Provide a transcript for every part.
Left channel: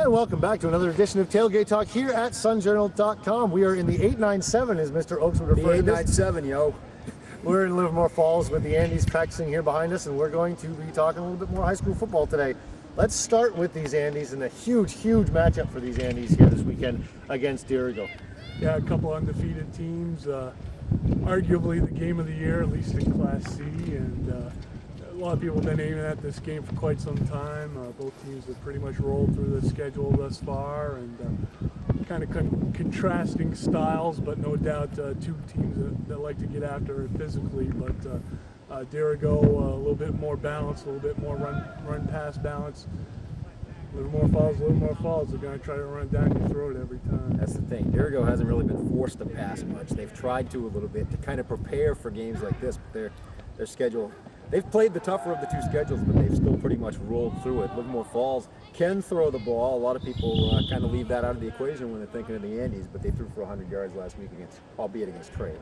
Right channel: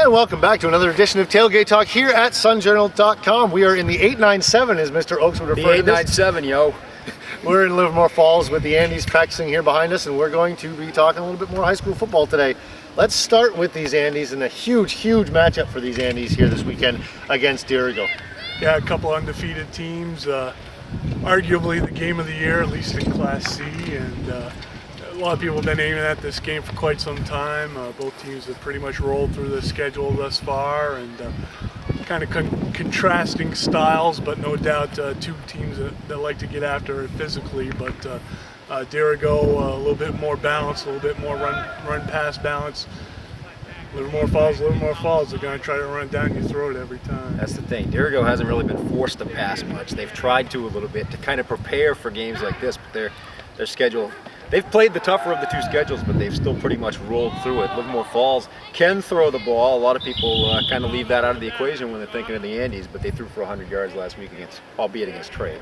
And welcome back to another edition of Tailgate Talk here at sunjournal.com. We are in the 897, as Mr. Oakes would refer to The 897, yo. We're in Livermore Falls with the Andes practicing here behind us, and we're going to be talking a little bit more high school football today. Let's start with these Andes and a huge matchup for these Andes here this weekend against DIrigo. Yeah, a couple undefeated teams. Arguably the game of the year, at least in Class C, and a lot of people have been aiming at this game for quite some time. Both teams have pretty much rolled through the schedule thus far, and kind of contrasting styles, but no doubt two teams that like to get after it physically. But DIrigo a little bit more balanced, a little bit more run-pass balance. Livermore Falls, they're going to try to run it down your throat every time. That's the thing. DIrigo hasn't really been forced to pass much. They've tried to a little bit to kind of prepare for games like this, but their schedule, they've played the tougher of the two schedules, but they've still pretty much rolled through it. Livermore Falls can throw the ball. A lot of people kind of leave that out of the equation when they're thinking of the Andes, but they threw for 100 yards last week albeit against Trey.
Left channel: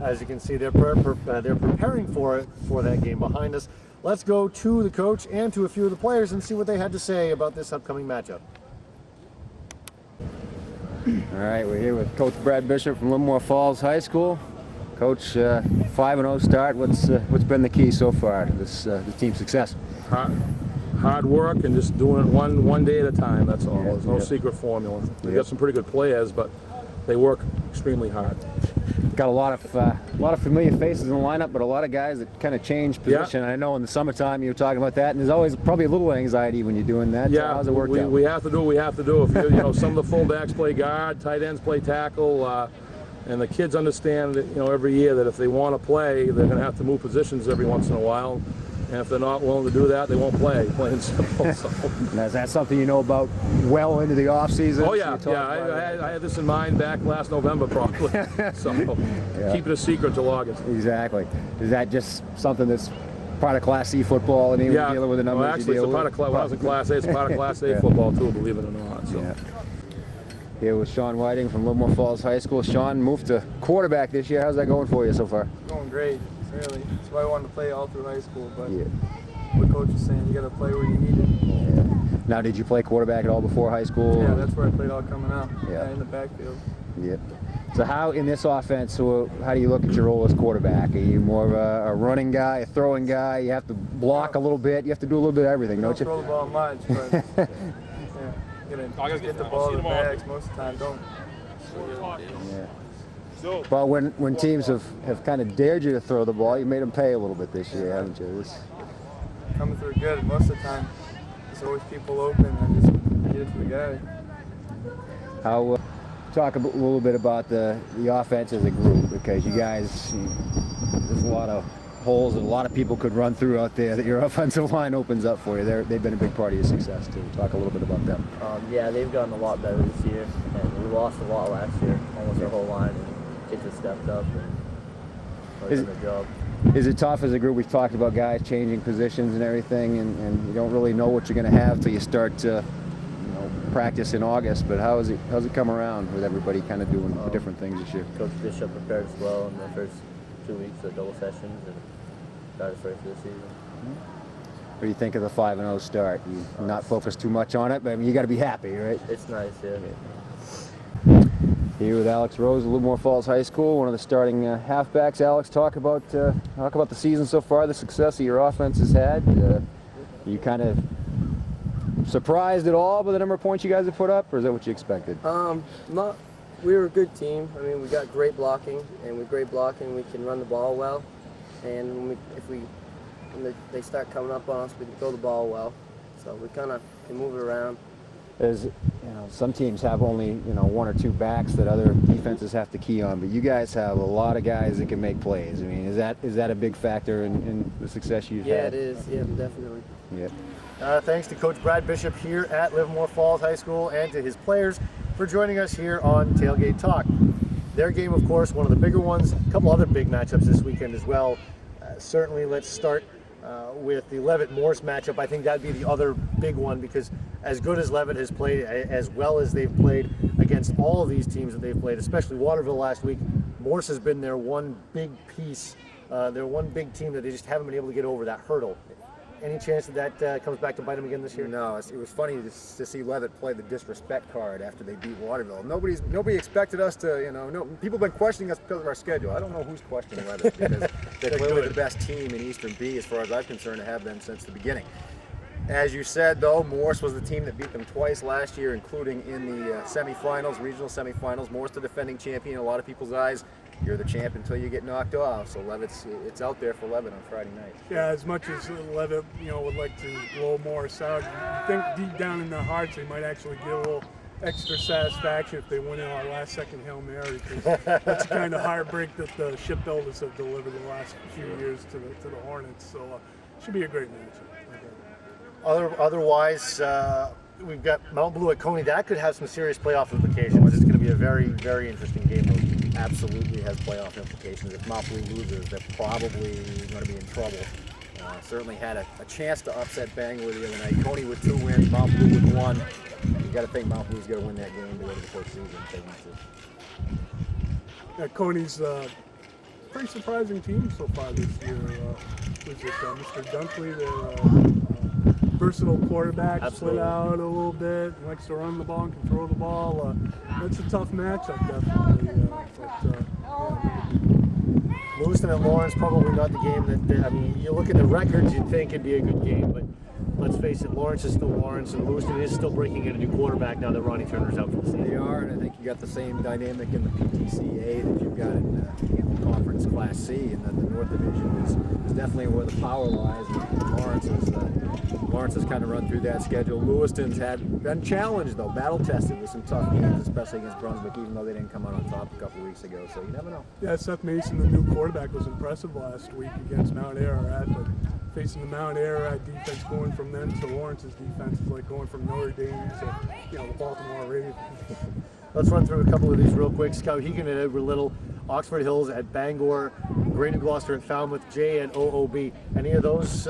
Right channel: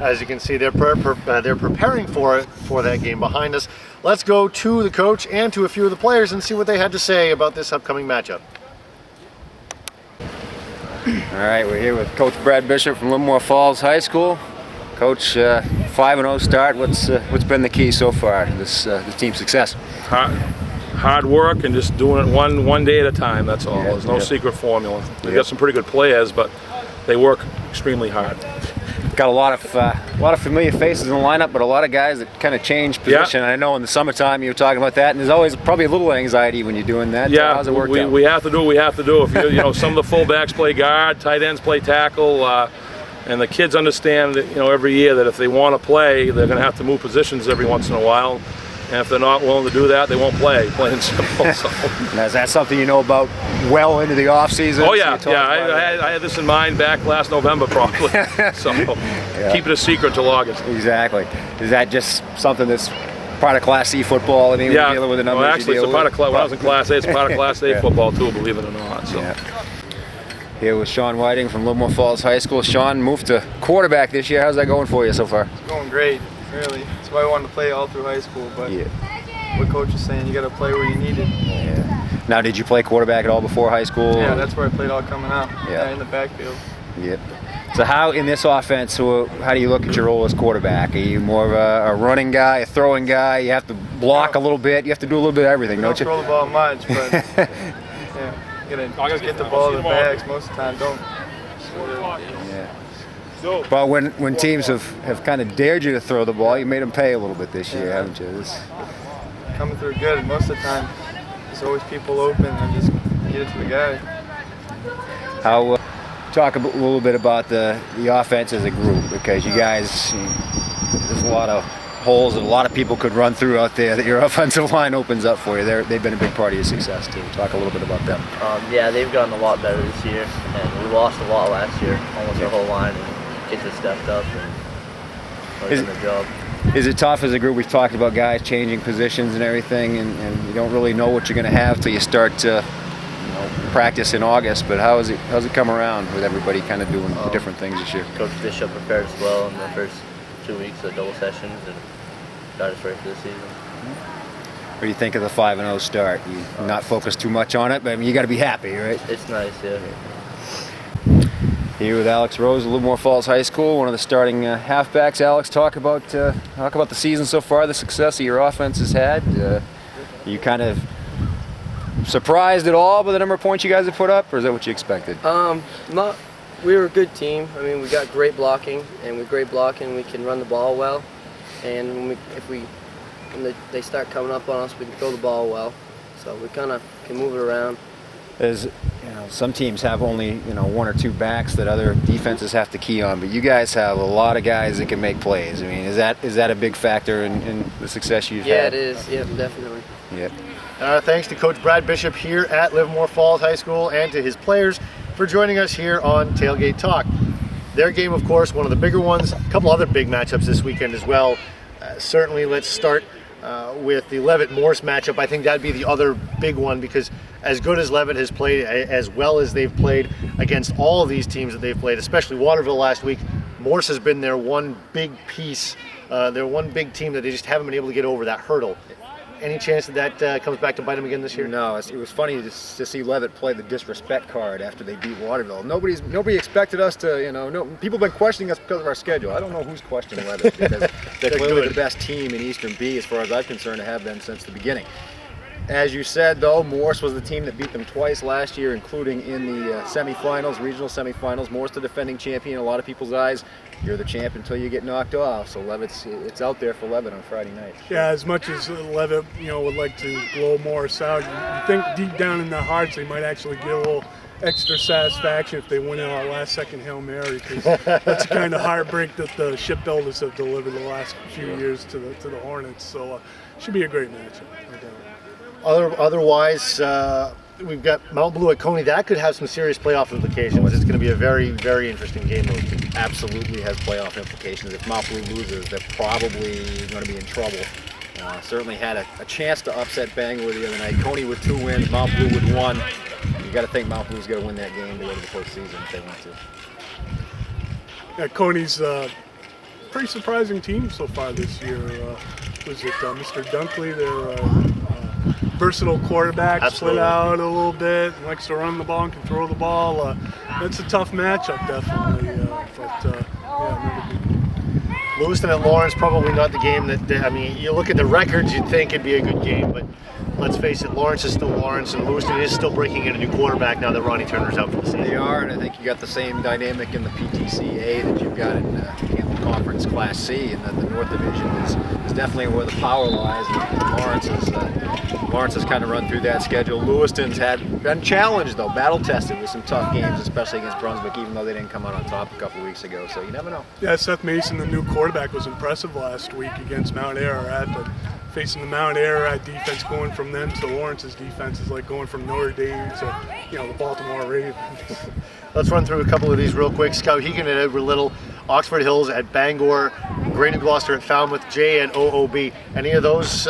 As you can see, they're preparing for that game behind us. Let's go to the coach and to a few of the players and see what they had to say about this upcoming matchup. All right, we're here with Coach Brad Bishop from Livermore Falls High School. Coach, 5-0 start. What's been the key so far to the team's success? Hard work and just doing it one day at a time. That's all. Yeah, There's no secret formula. We've got some pretty good players, but they work extremely hard. Got a lot of familiar faces in the lineup, but a lot of guys that kind of change position. Yeah. I know in the summertime you were talking about that, and there's always probably a little anxiety when you're doing that. Yeah, how's it worked out? We have to do what we have to do. If some of the fullbacks play guard, tight ends play tackle, and the kids understand that every year that if they want to play, they're going to have to move positions every once in a while. And if they're not willing to do that, they won't play, plain and simple. So. Now, is that something you know about well into the off season? Oh yeah, I had this in mind back last November probably. So keep it a secret till August. Exactly. Is that just something that's part of Class C football? I mean, we're dealing with the numbers. Well, actually, it's a part of when I was in Class A. It's part of Class A football too, believe it or not. So. Yeah. Here with Sean Whiting from Livermore Falls High School. Sean moved to quarterback this year. How's that going for you so far? It's going great. Really, that's why I wanted to play all through high school, but what coach is saying, you got to play where you need it. Yeah. Now, did you play quarterback at all before high school? Yeah, that's where I played all coming up. Yeah, in the backfield. Yep. So how, in this offense, how do you look at your role as quarterback? Are you more of a running guy, a throwing guy? You have to block a little bit. You have to do a little bit of everything, don't you? Don't throw the ball much, but yeah, you got to just get the ball to the backs most of the time. Don't score. Yeah. But when teams have kind of dared you to throw the ball, you made them pay a little bit this year, haven't you? Coming through good. Most of the time, there's always people open and just get it to the guy. How talk a little bit about the offense as a group, because you guys, there's a lot of holes that a lot of people could run through out there that your offensive line opens up for you. They've been a big part of your success too. Talk a little bit about them. Yeah, they've gotten a lot better this year, and we lost a lot last year, almost our whole line. And kids have stepped up and done their job. Is it tough as a group? We've talked about guys changing positions and everything, and you don't really know what you're going to have till you start to practice in August. But how's it come around with everybody kind of doing different things this year? Coach Bishop prepared us well in the first 2 weeks of double sessions and got us ready for the season. What do you think of the 5-0 start? You not focus too much on it, but I mean, you got to be happy, right? It's nice, yeah. Here with Alex Rose of Livermore Falls High School, one of the starting halfbacks. Alex, talk about the season so far, the success that your offense has had. You kind of surprised at all by the number of points you guys have put up, or is that what you expected? We were a good team. I mean, we got great blocking, and with great blocking, we can run the ball well. And when they start coming up on us, we can throw the ball well. So we kind of can move it around. As some teams have only one or two backs that other defenses have to key on, but you guys have a lot of guys that can make plays. I mean, is that a big factor in the success you've had? Yeah, it is. Yeah, definitely. Yep. Thanks to Coach Brad Bishop here at Livermore Falls High School and to his players for joining us here on Tailgate Talk. Their game, of course, one of the bigger ones. A couple other big matchups this weekend as well. Certainly, let's start with the Levitt-Morse matchup. I think that'd be the other big one, because as good as Levitt has played, as well as they've played against all of these teams that they've played, especially Waterville last week, Morse has been their one big piece, their one big team that they just haven't been able to get over that hurdle. Any chance that comes back to bite him again this year? No, it was funny to see Levitt play the disrespect card after they beat Waterville. Nobody expected us to, no, people have been questioning us because of our schedule. I don't know who's questioning Levitt because they're clearly the best team in Eastern B as far as I'm concerned to have been since the beginning. As you said, though, Morse was the team that beat them twice last year, including in the semifinals, regional semifinals. Morse, the defending champion in a lot of people's eyes. You're the champ until you get knocked off. So it's out there for Levitt on Friday night. Yeah, as much as Levitt, would like to blow Morris out, you think deep down in their hearts they might actually get a little extra satisfaction if they win in our last-second Hail Mary, because that's the kind of heartbreak that the shipbuilders have delivered the last few years to the Hornets. So should be a great matchup. No doubt. Otherwise, we've got Mount Blue at Coney. That could have some serious playoff implications. It's going to be a very, very interesting game. Absolutely has playoff implications. If Mount Blue loses, they're probably going to be in trouble. Certainly had a chance to upset Bangor the other night. Coney with 2 wins, Mount Blue with 1. You got to think Mount Blue's got to win that game to go to the postseason if they want to. Yeah, Coney's pretty surprising team so far this year. Was it Mr. Dunkley, their versatile quarterback, split out a little bit, likes to run the ball and can throw the ball. That's a tough matchup, definitely. Another good game. Lewiston at Lawrence, probably not the game that, you look at the records, you'd think it'd be a good game, but let's face it, Lawrence is still Lawrence, and Lewiston is still breaking in a new quarterback now that Ronnie Turner's out for the season. They are, and I think you got the same dynamic in the PTCA that you've got in Conference Class C, and that the North Division is definitely where the power lies, and Lawrence has kind of run through that schedule. Lewiston's been challenged, though, battle-tested with some tough games, especially against Brunswick, even though they didn't come out on top a couple of weeks ago, so you never know. Yeah, Seth Mason, the new quarterback, was impressive last week against Mount Ararat, but facing the Mount Ararat defense, going from them to Lawrence's defense is like going from Notre Dame to, the Baltimore Ravens. Let's run through a couple of these real quick. Skowhegan at Edward Little, Oxford Hills at Bangor, Grey New Gloucester at Falmouth, J and OOB. Any of those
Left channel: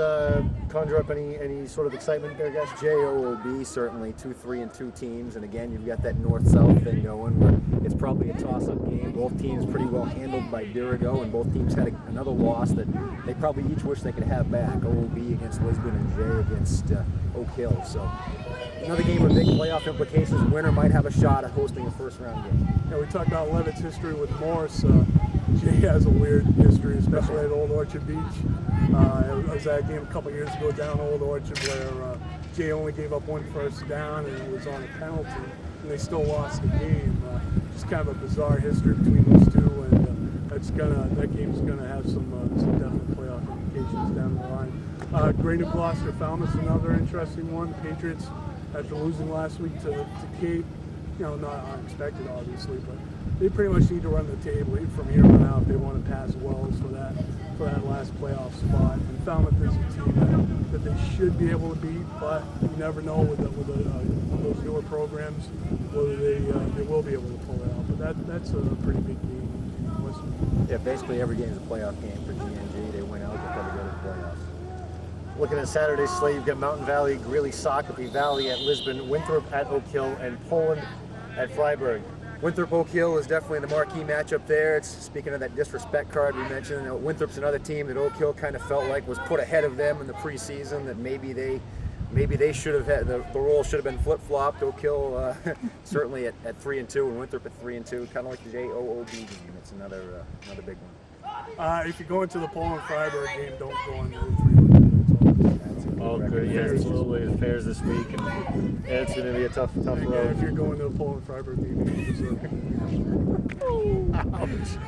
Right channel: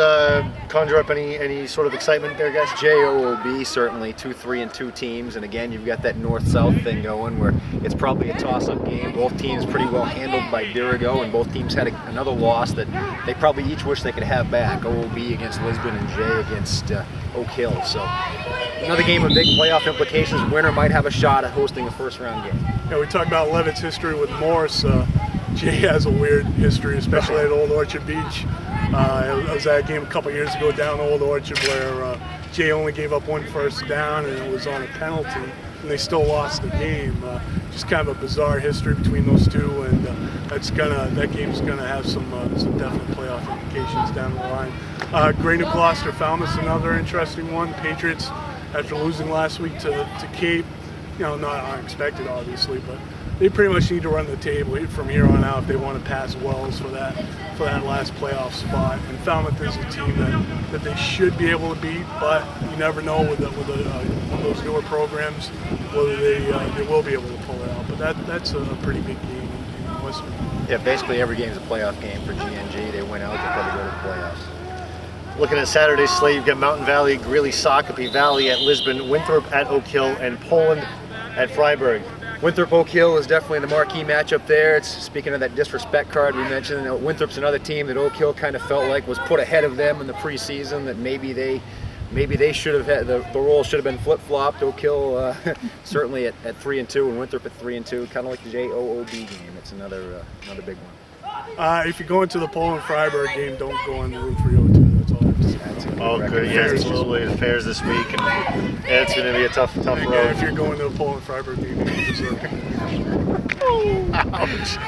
conjure up any sort of excitement there, guys? JOOB, certainly 2 3-2 teams, and again you've got that north-south thing going where it's probably a toss-up game. Both teams pretty well handled by DIrigo, and both teams had another loss that they probably each wish they could have back. OOB against Lisbon and Jay against Oak Hill. So another game with big playoff implications. Winner might have a shot at hosting a first-round game. Yeah, we talked about Levitt's history with Morse. Jay has a weird history, especially at Old Orchard Beach. I was at a game a couple years ago down Old Orchard where Jay only gave up 1 first down, and it was on a penalty, and they still lost the game. Just kind of a bizarre history between those two, and that game's gonna have some definite playoff implications down the line. Grey New Gloucester Falmouth's another interesting one. Patriots, after losing last week to Cape, not unexpected obviously, but they pretty much need to run the table from here on out if they want to pass Wells for that last playoff spot. And Falmouth is a team that they should be able to beat, but you never know with one of those newer programs whether they will be able to pull it out. But that's a pretty big game in Western. Yeah, basically every game is a playoff game for GNG. They win out, they probably go to the playoffs. Looking at Saturday's slate, you've got Mountain Valley, Greeley, Shakopee Valley at Lisbon, Winthrop at Oak Hill, and Poland at Freiburg. Winthrop Oak Hill is definitely the marquee matchup there. It's speaking of that disrespect card we mentioned. Winthrop's another team that Oak Hill kind of felt like was put ahead of them in the preseason. That maybe they should have had the role should have been flip-flopped. Oak Hill certainly at 3-2 and Winthrop at 3-2, kind of like the JOOB game. It's another big one. If you go into the Poland Freiburg game, don't go on the Route 302. That's all I have to say. Oh, good. Yeah, absolutely. The fairs this week, and it's going to be a tough road. If you're going to the Poland Freiburg game, you deserve it. Ouch.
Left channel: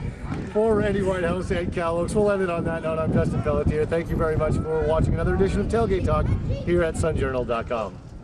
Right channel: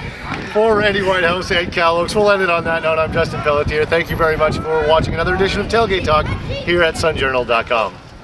For Randy Whitehouse and Kalle, we'll end it on that note. I'm Justin Pelletier. Thank you very much for watching another edition of Tailgate Talk here at sunjournal.com.